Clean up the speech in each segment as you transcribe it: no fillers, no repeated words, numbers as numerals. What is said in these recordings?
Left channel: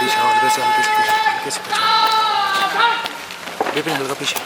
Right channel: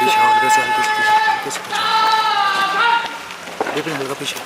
पीछे हल्के से पीछे विपिन हल्का पीछे।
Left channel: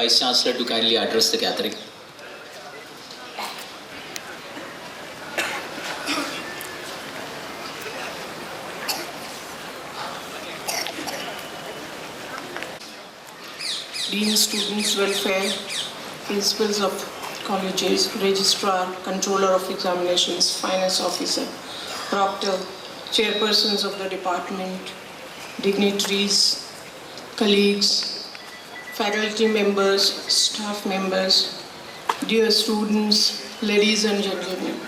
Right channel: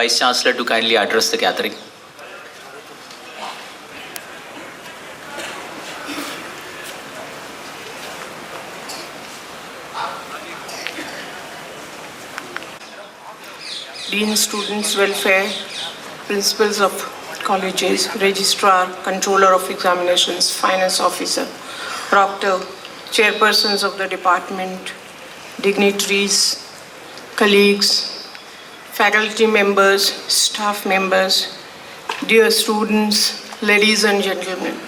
Vice Chancellor to kindly address the gathering. Dean, Students' Welfare, Principals of Colleges, Registrar, Controller of Examinations, Finance Officer, Proctor, Chairpersons of the Department, dignitaries, colleagues, faculty members, staff members, dear students, ladies and gentlemen.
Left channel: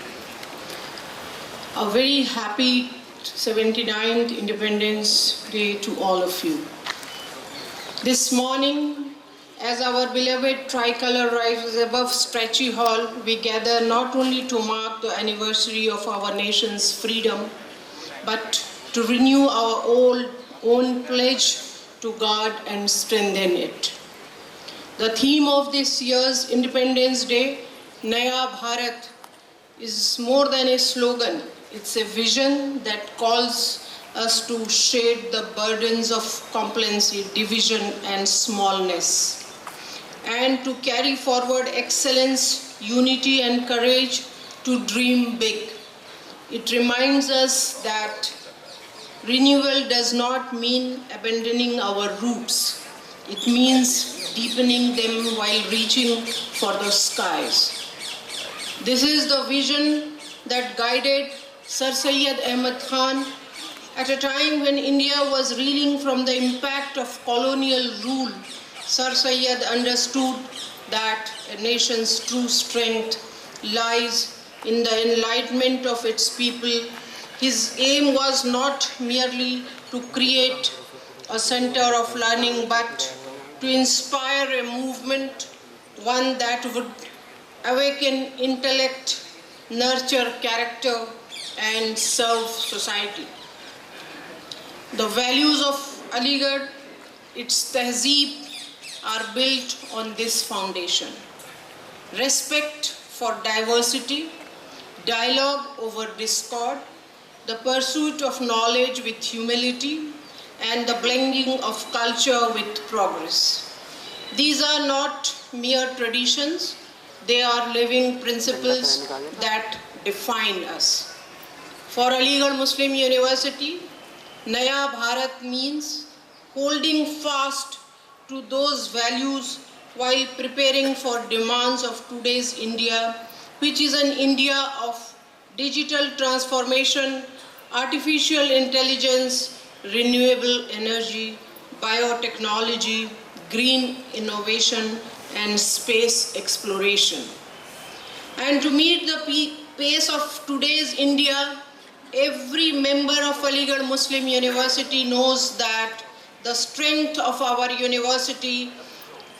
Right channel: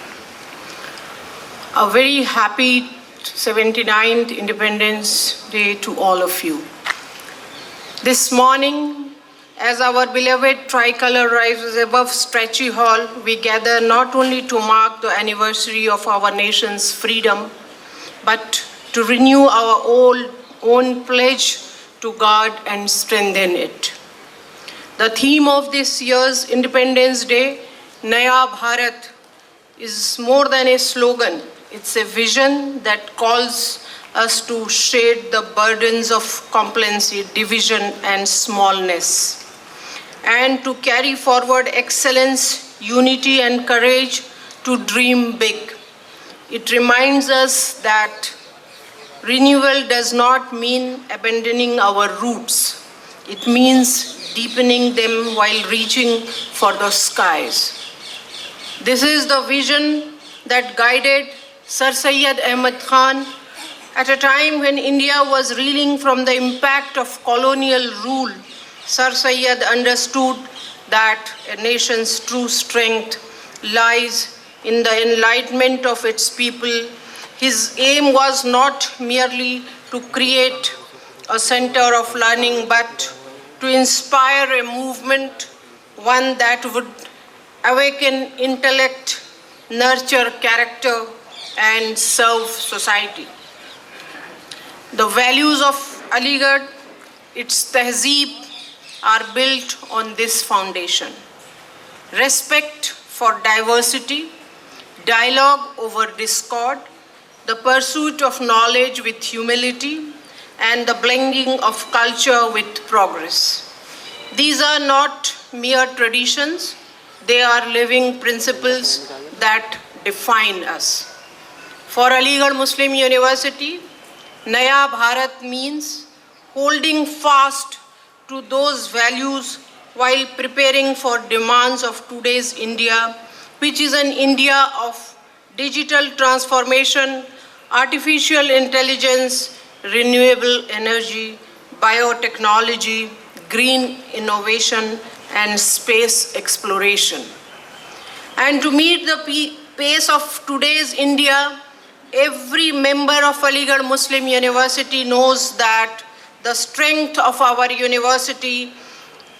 A very happy 79th Independence Day to all of you. This morning, as our beloved tricolor rises above Stretchy Hall, we gather not only to mark the anniversary of our nation's freedom, but to renew our own pledge to guard and strengthen it. The theme of this year's Independence Day, Naya Bharat, is more than a slogan. It's a vision that calls us to shed the burdens of complacency, division, and smallness, and to carry forward excellence, unity, and courage to dream big. It reminds us that renewal does not mean abandoning our roots. It means deepening them while reaching for the skies. This is the vision that guided Sir Syed Ahmad Khan at a time when India was reeling from the impact of colonial rule. Sir Syed understood that a nation's true strength lies in the enlightenment of its people. His aim was not merely to create a center of learning, but to inspire a movement, one that would awaken intellect, nurture character, and serve society. The values of Aligarh, its tehzeeb, are built on this foundation. Respect for diversity, dialogue over discord, the pursuit of knowledge with humility, and the blending of culture with progress. These are not mere traditions, they are living principles that define us. For Aligarh Muslim University, Naya Bharat means holding fast to those values while preparing for demands of today's India, which is an India of digital transformation, artificial intelligence, renewable energy, biotechnology, green innovation, and space exploration. And to meet the pace of today's India, every member of Aligarh Muslim University knows that the strength of our university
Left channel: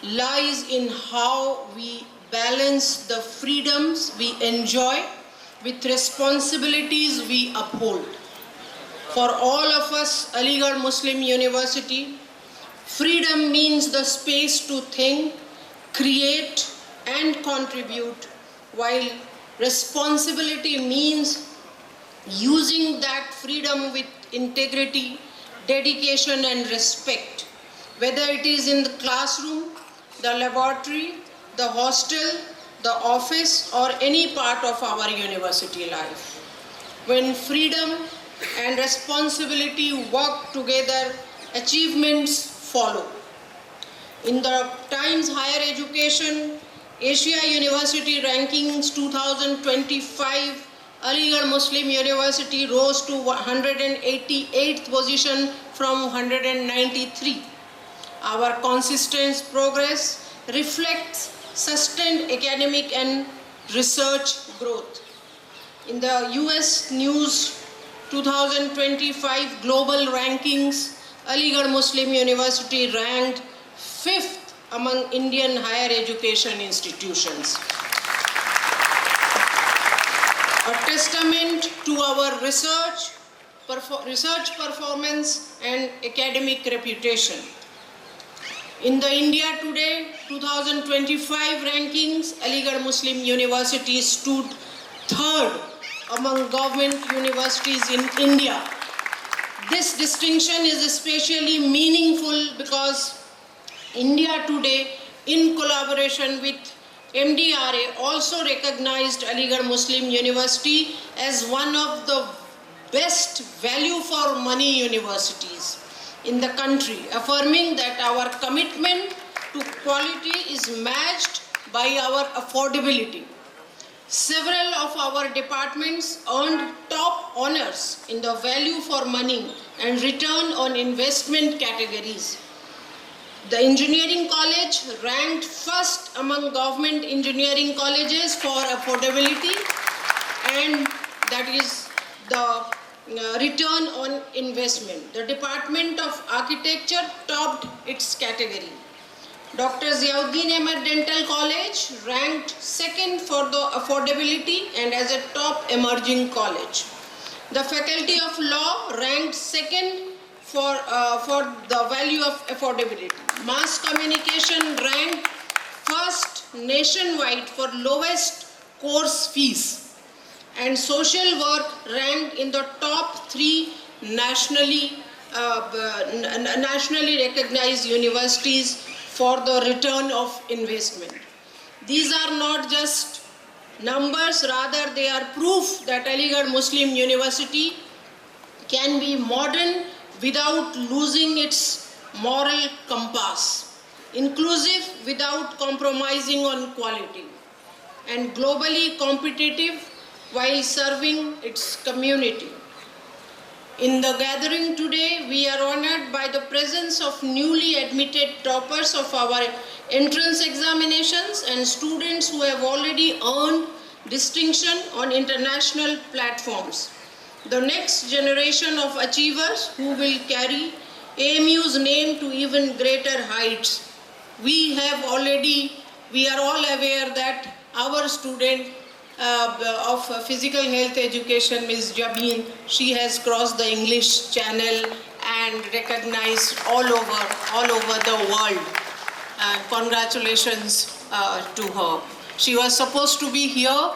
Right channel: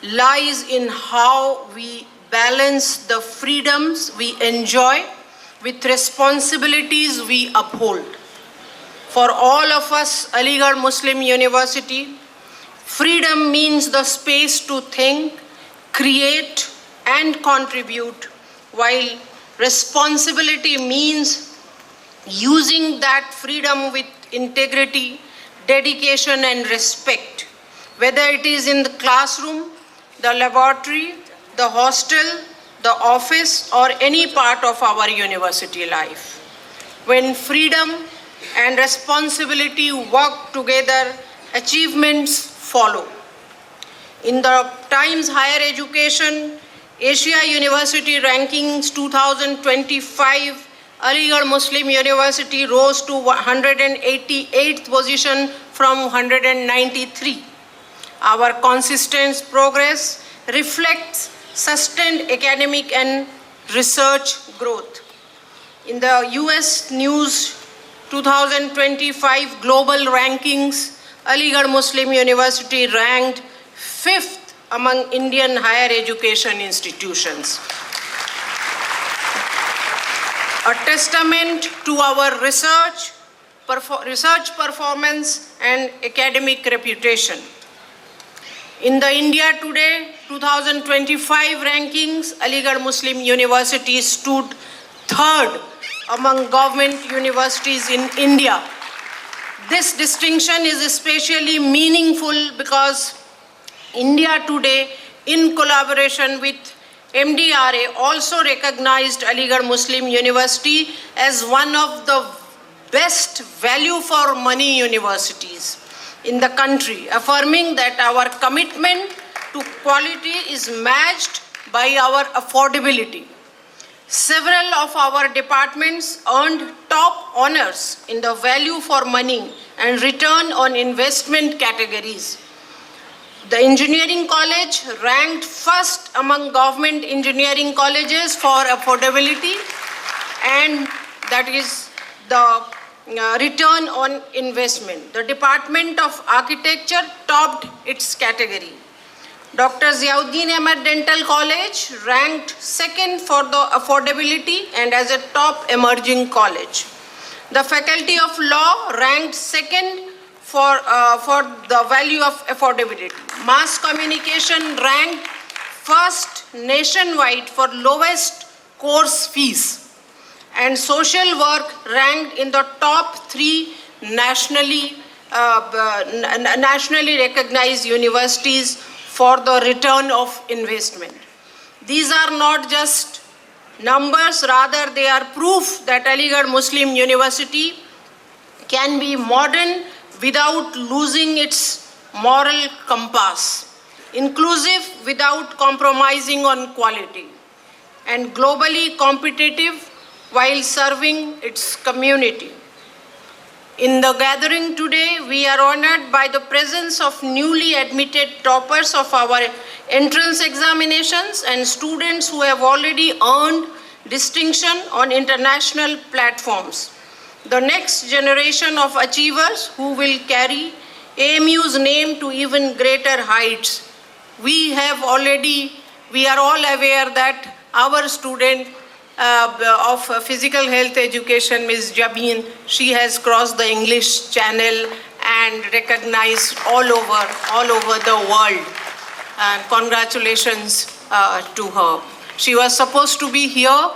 lies in how we balance the freedoms we enjoy with responsibilities we uphold. For all of us, Aligarh Muslim University, freedom means the space to think, create, and contribute, while responsibility means using that freedom with integrity, dedication, and respect, whether it is in the classroom, the laboratory, the hostel, the office, or any part of our university life. When freedom and responsibility work together, achievements follow. In the Times Higher Education Asia University Rankings 2025, Aligarh Muslim University rose to 188th position from 193. Our consistent progress reflects sustained academic and research growth. In the US News 2025 Global Rankings, Aligarh Muslim University ranked 5th among Indian higher education institutions. A testament to our research performance and academic reputation. In the India Today 2025 rankings, Aligarh Muslim University stood 3rd among government universities in India. This distinction is especially meaningful because India Today, in collaboration with MDRA, also recognized Aligarh Muslim University as one of the best value for money universities in the country, affirming that our commitment to quality is matched by our affordability. Several of our departments earned top honors in the value for money and return on investment categories. The engineering college ranked first among government engineering colleges for affordability, and that is the return on investment. The Department of Architecture topped its category. Dr. Ziauddin Ahmed Dental College ranked 2nd for the affordability and as a top emerging college. The Faculty of Law ranked 2nd for the value of affordability. Mass Communication ranked 1st nationwide for lowest course fees. And Social Work ranked in the top 3 nationally recognized universities for the return of investment. These are not just numbers, rather they are proof that Aligarh Muslim University can be modern without losing its moral compass, inclusive without compromising on quality, and globally competitive while serving its community. In the gathering today, we are honored by the presence of newly admitted toppers of our entrance examinations and students who have already earned distinction on international platforms. The next generation of achievers who will carry AMU's name to even greater heights. We are all aware that our student of physical health education, Ms. Jabin, she has crossed the English Channel and recognized all over the world. And congratulations to her. She was supposed to be here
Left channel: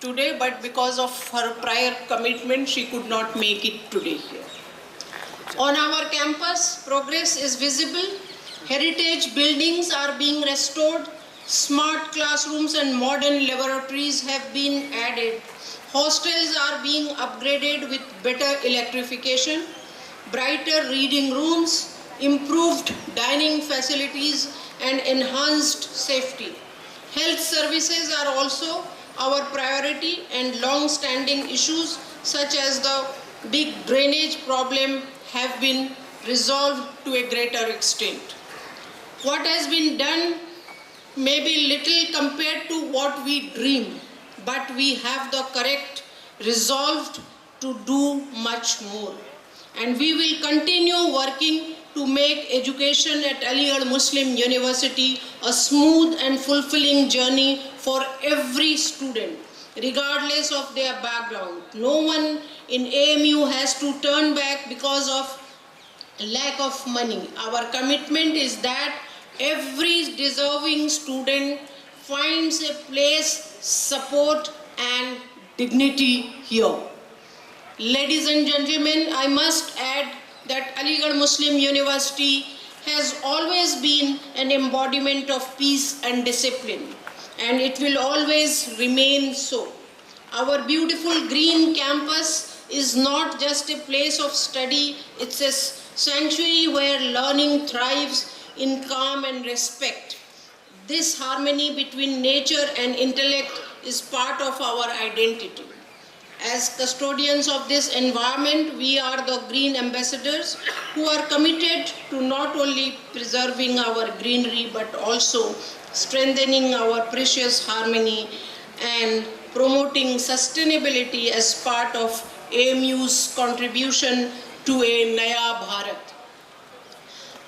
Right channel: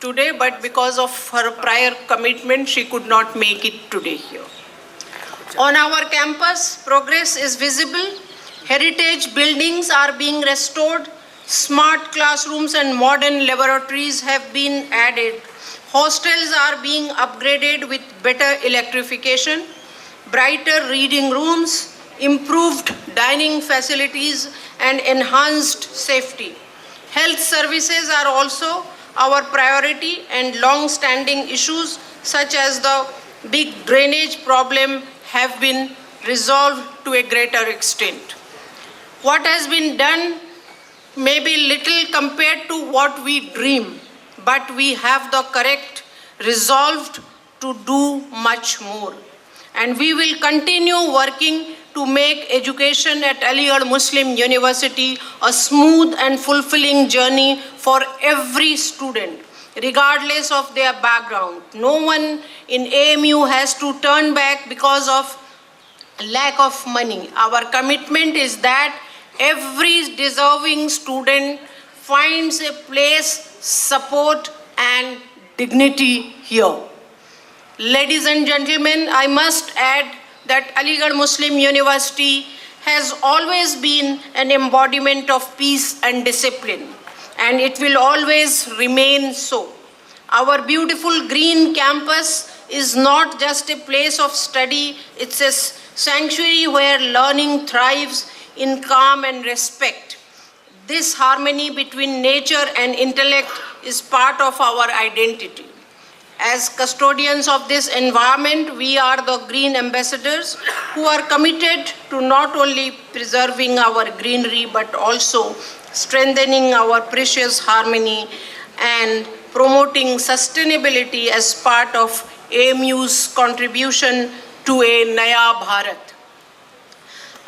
today, but because of her prior commitment, she could not make it today here. On our campus, progress is visible. Heritage buildings are being restored, smart classrooms and modern laboratories have been added. Hostels are being upgraded with better electrification, brighter reading rooms, improved dining facilities, and enhanced safety. Health services are also our priority, and long-standing issues such as the big drainage problem have been resolved to a greater extent. What has been done may be little compared to what we dream, but we have the correct resolve to do much more. And we will continue working to make education at Aligarh Muslim University a smooth and fulfilling journey for every student, regardless of their background. No one in AMU has to turn back because of lack of money. Our commitment is that every deserving student finds a place, support, and dignity here. Ladies and gentlemen, I must add that Aligarh Muslim University has always been an embodiment of peace and discipline, and it will always remain so. Our beautiful green campus is not just a place of study, it's a sanctuary where learning thrives in calm and respect. This harmony between nature and intellect is part of our identity. As custodians of this environment, we are the green ambassadors who are committed to not only preserving our greenery but also strengthening our precious harmony and promoting sustainability as part of AMU's contribution to a Naya Bharat.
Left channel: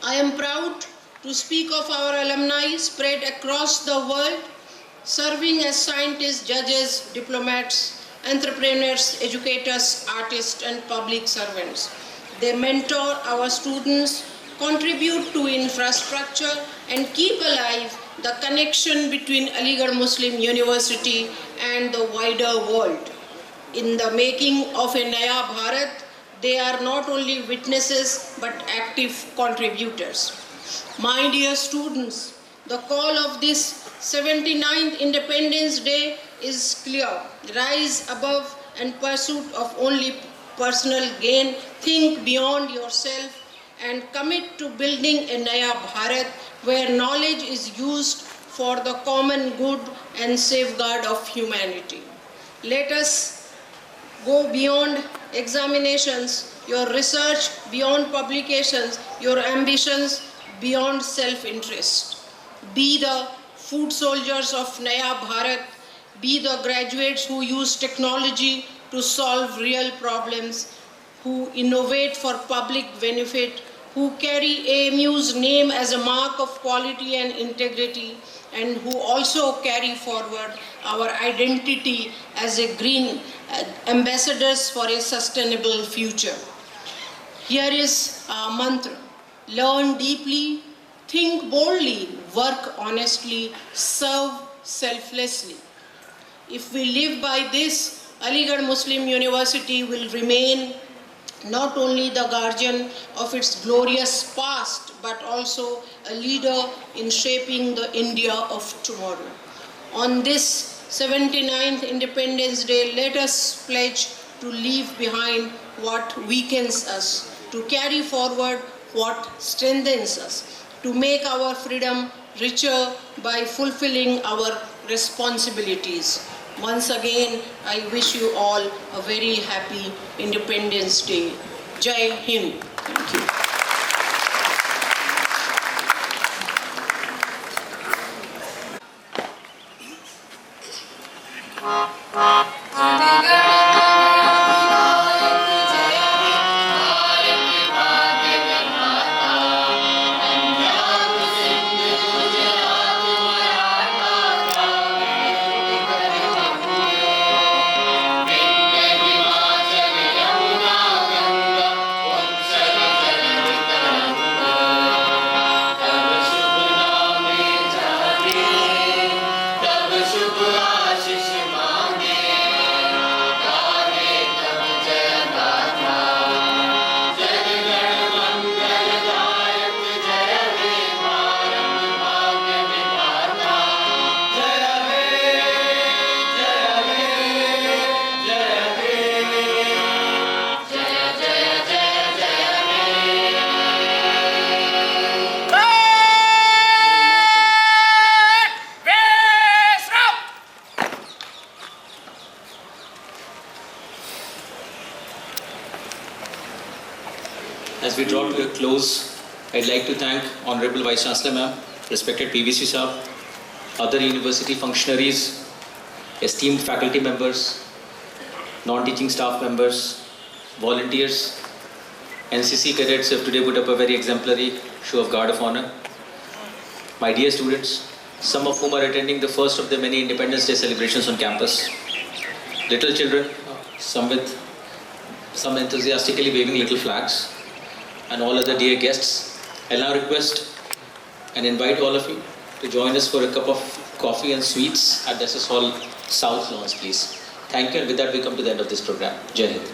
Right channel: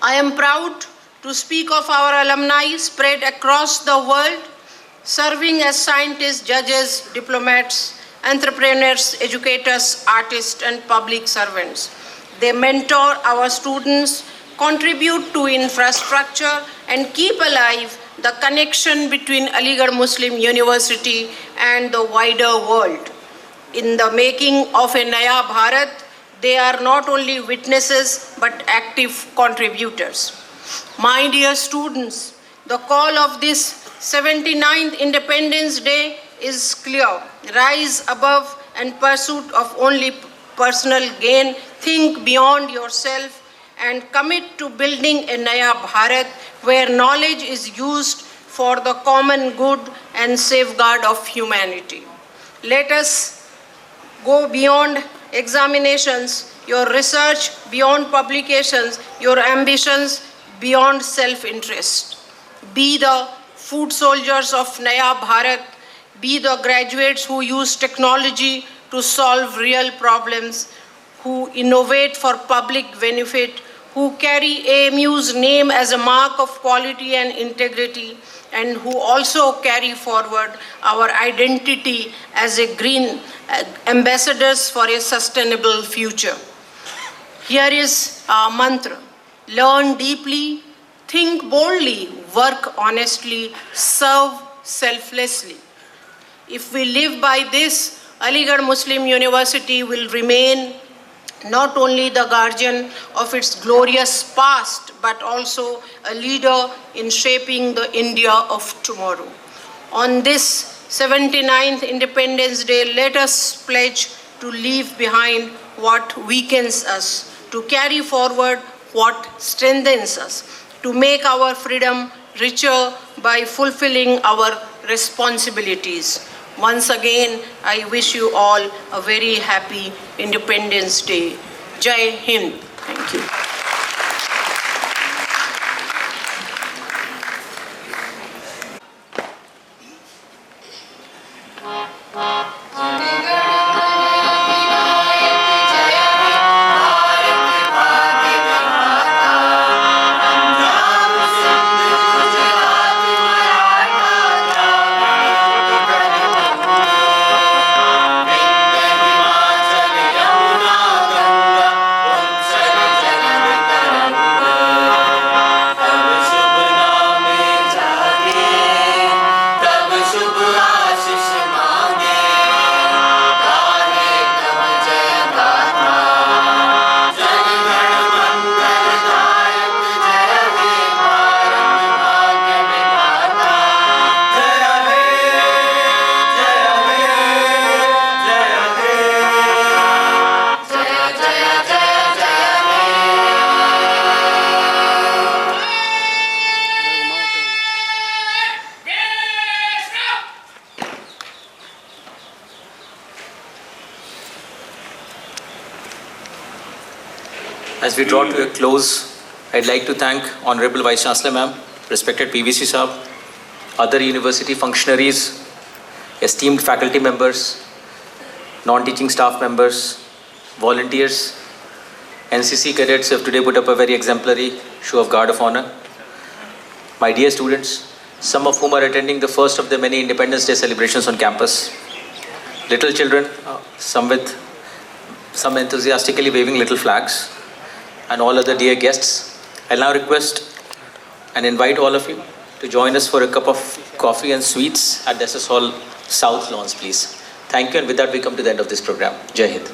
I am proud to speak of our alumni spread across the world, serving as scientists, judges, diplomats, entrepreneurs, educators, artists, and public servants. They mentor our students, contribute to infrastructure, and keep alive the connection between Aligarh Muslim University and the wider world. In the making of a Naya Bharat, they are not only witnesses but active contributors. My dear students, the call of this 79th Independence Day is clear. Rise above and pursuit of only personal gain. Think beyond yourself and commit to building a Naya Bharat where knowledge is used for the common good and safeguard of humanity. Let us go beyond examinations, your research beyond publications, your ambitions beyond self-interest. Be the food soldiers of Naya Bharat. Be the graduates who use technology to solve real problems, who innovate for public benefit, who carry AMU's name as a mark of quality and integrity, and who also carry forward our identity as a green ambassadors for a sustainable future. Here is our mantra: learn deeply, think boldly, work honestly, serve selflessly. If we live by this, Aligarh Muslim University will remain not only the guardian of its glorious past, but also a leader in shaping the India of tomorrow. On this 79th Independence Day, let us pledge to leave behind what weakens us, to carry forward what strengthens us, to make our freedom richer by fulfilling our responsibilities. Once again, I wish you all a very happy Independence Day. Jai Hind. Thank you. As we draw to a close, I'd like to thank Honorable Vice Chancellor Ma'am, respected PVC Saab, other university functionaries, esteemed faculty members, non-teaching staff members, volunteers, NCC cadets who have today put up a very exemplary show of guard of honor. My dear students, some of whom are attending the first of the many Independence Day celebrations on campus. Little children, some enthusiastically waving little flags, and all other dear guests. I now request and invite all of you to join us for a cup of coffee and sweets at the SS Hall South Lawns, please. Thank you, and with that we come to the end of this program. Jai Hind.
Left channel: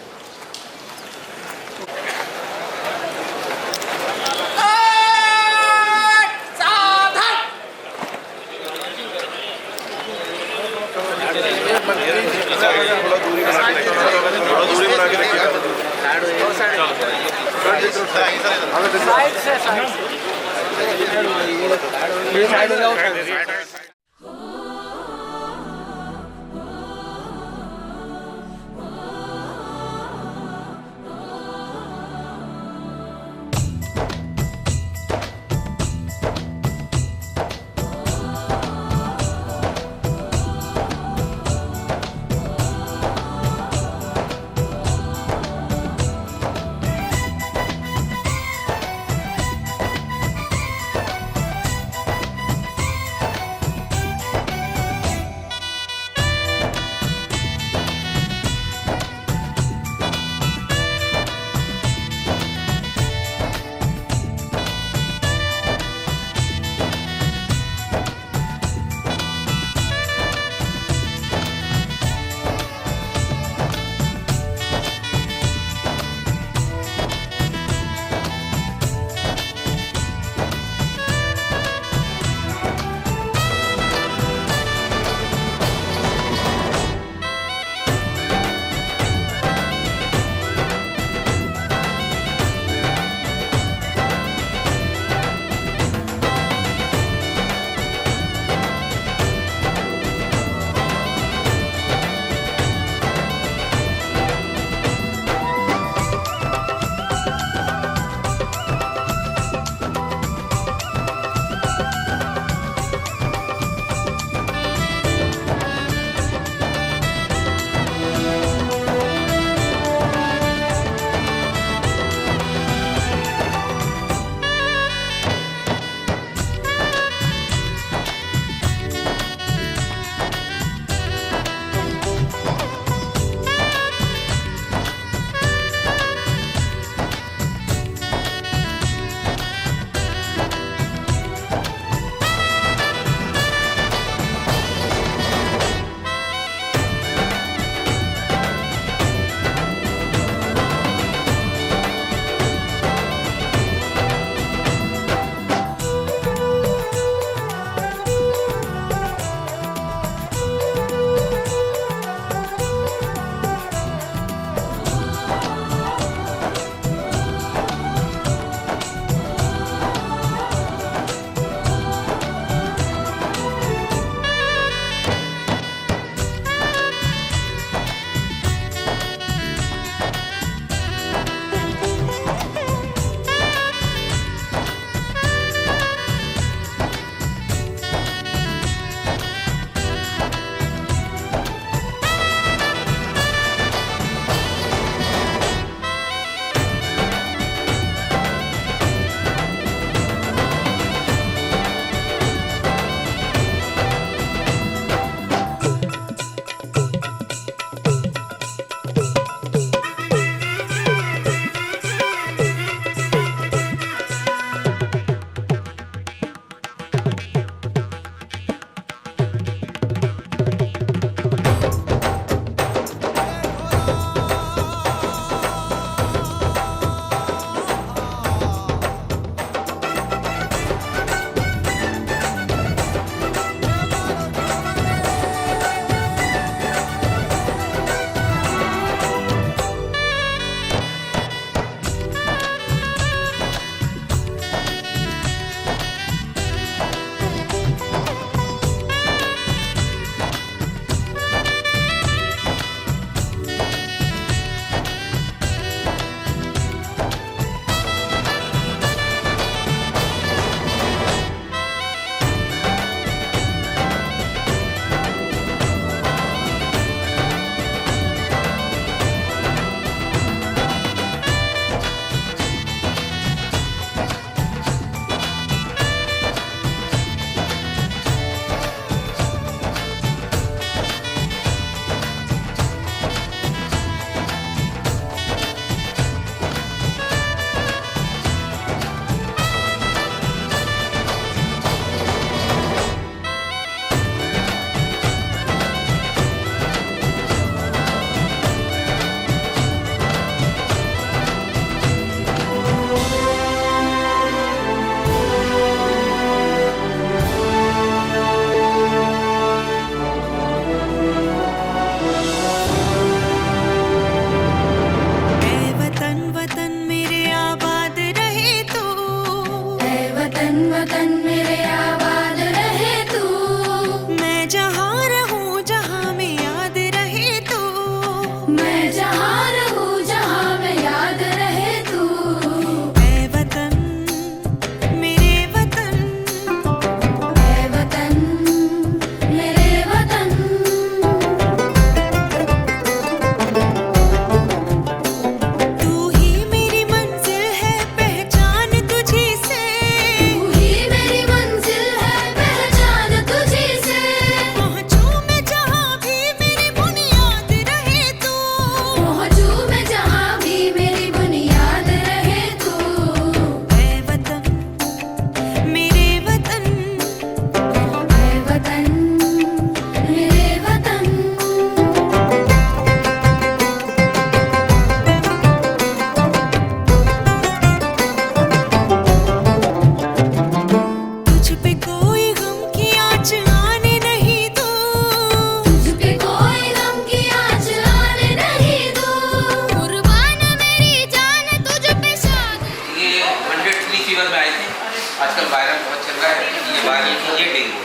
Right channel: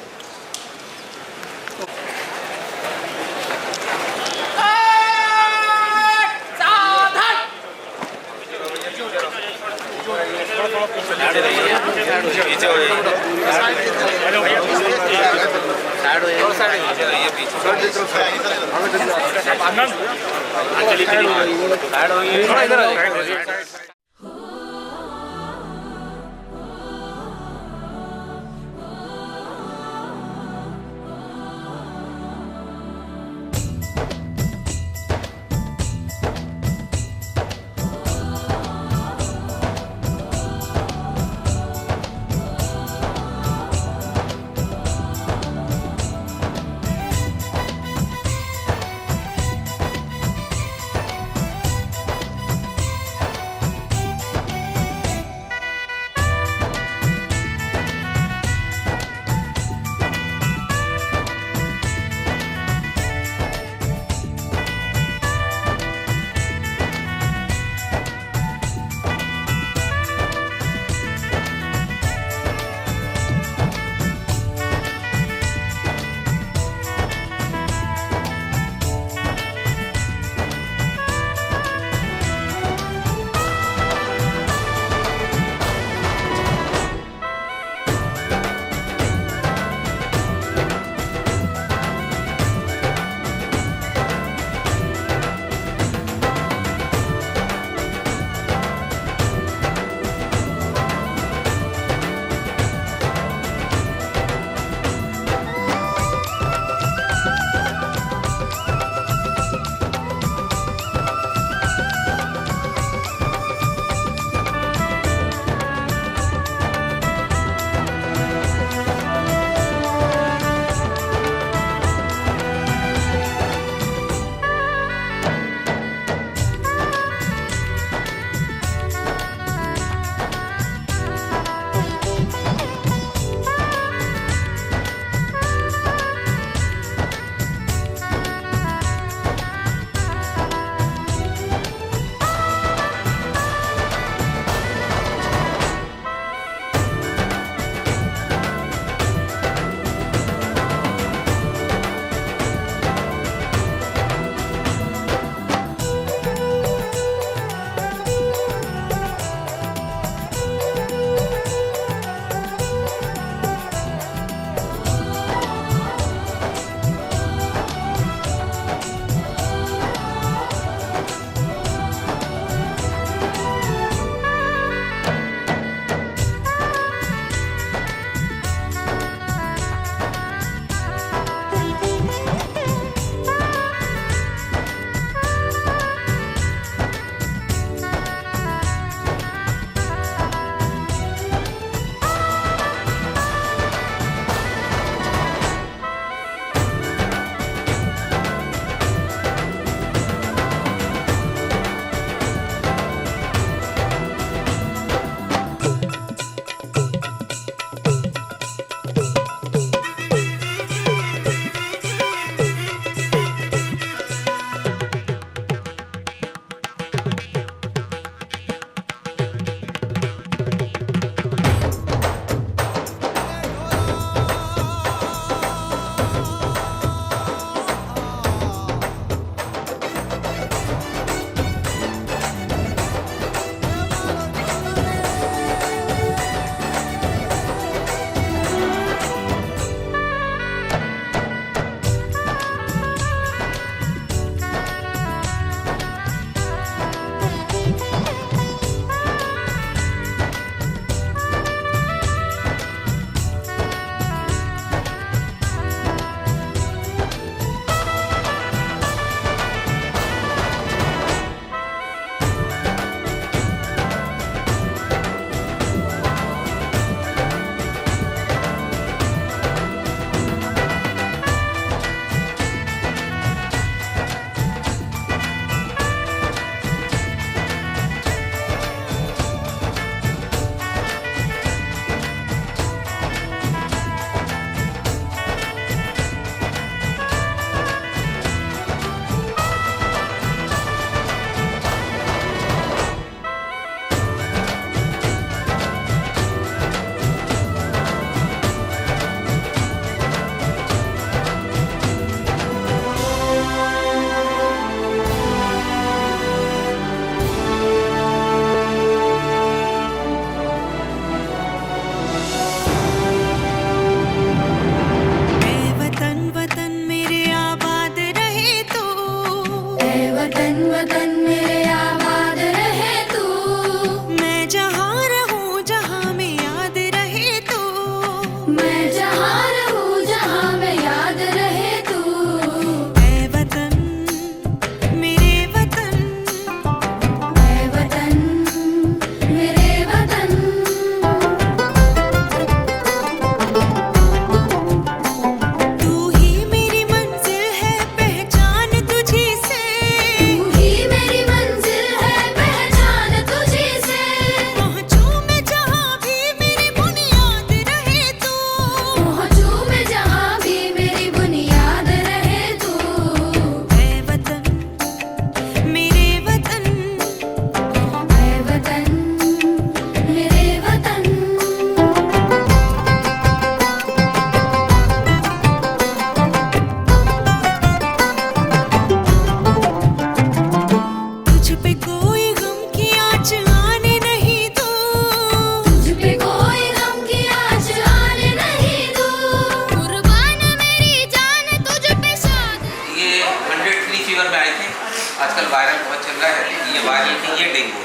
Viral की ये dengue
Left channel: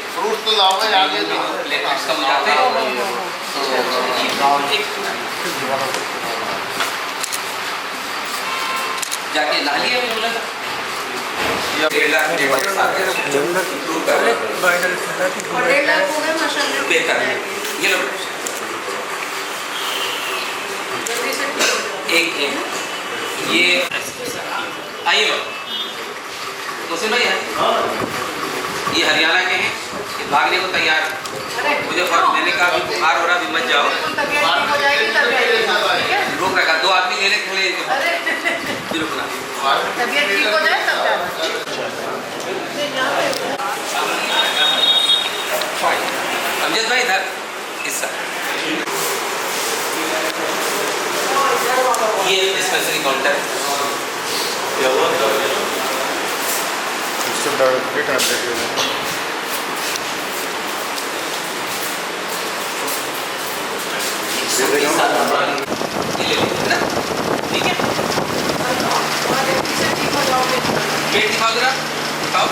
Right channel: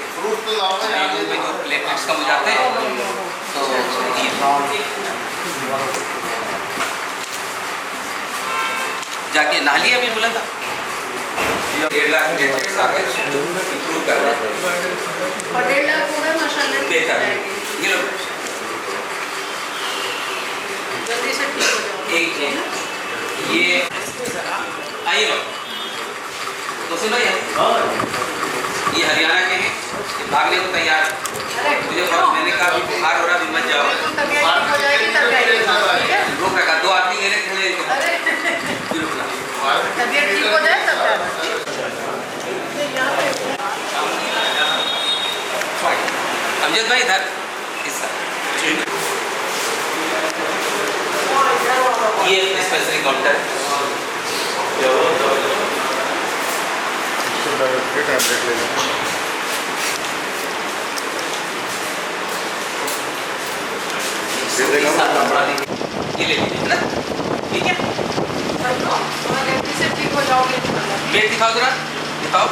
dengue में जो platelets कम हो जाते हैं तो ये जाके नाली अभी बोला था 1.5 लाख प्लेटलेट्स आ गए इंप्रूव कर रहे हैं और 1.5 लाख हो गए माशाल्लाह बेहतर ये लो जल्दी से ठीक हो जाओ एक ये आइए तो सुन भाई ये हरियाणा के हैं ये भागने को तैयार है मुझे फर्क लेने का भी बुखार हो रहा भी मत जाओ तबीयत ठीक हो जाएगी तब आइएगा ठीक है रोक रखा 2 आदमी लेने खड़े फिर रुकना तबीयत ठीक हो जाए तब जाना अमजद भाई इधर हिस्सा ये डिस्पेंसरी काउंटर ये ले लीजिए ना ठीक है जल्दी से ठीक हो जाओगे प्लेट दिखाओ जरा दिखाओ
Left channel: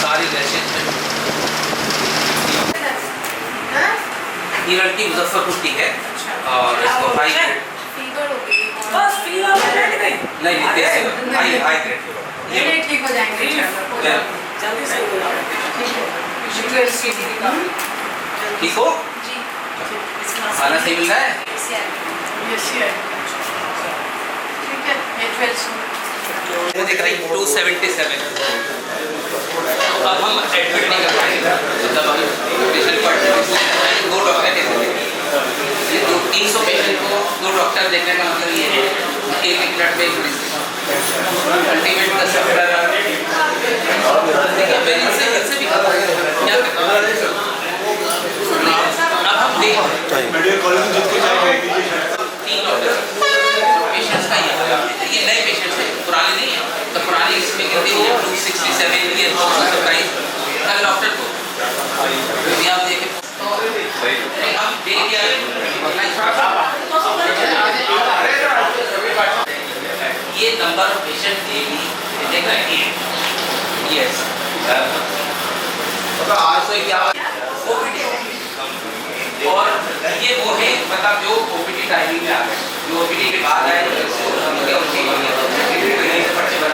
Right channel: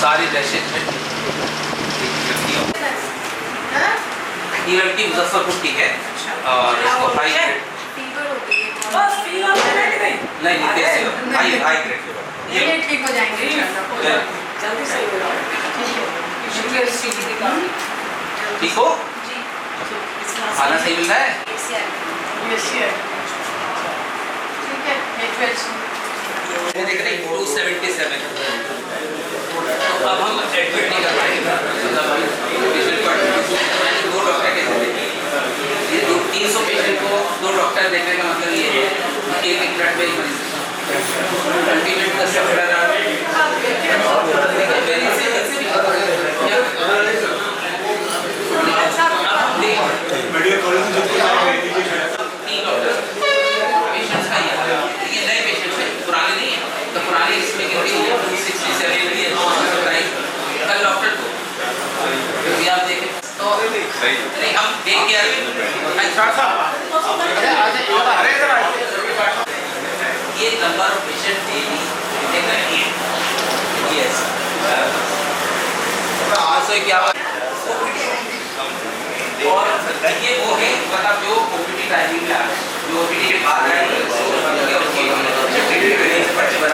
सारी रैशेज है ये लड़की मुजफ्फरपुर की है और इसको हाई ग्रेड बस फीवर नहीं हाई ग्रेड ये ठीक हो जाएंगे जल्दी से हो जाएगा ठीक हो खाना सही मिल रहा है ठीक है 277 अब हम एडमिट नहीं कर पाएंगे दो डॉक्टर के थे ये 300 पेशेंट को 2 डॉक्टर देखने का मतलब ये है एक मिनट में अल्टीमेट का सफर ये नए पेशेंट्स हैं पुराने नहीं है तो पुरानी इसमें गिनती है 267 की कल डॉक्टर को अभी आप देखें तो हम देख के ये नंबर ऑफ पेशेंट डेली देख रहे हैं यस सो क्या और ये वो है मतलब जो ओपीडी टाइमिंग में आ गए जो ओपीडी के बाद आए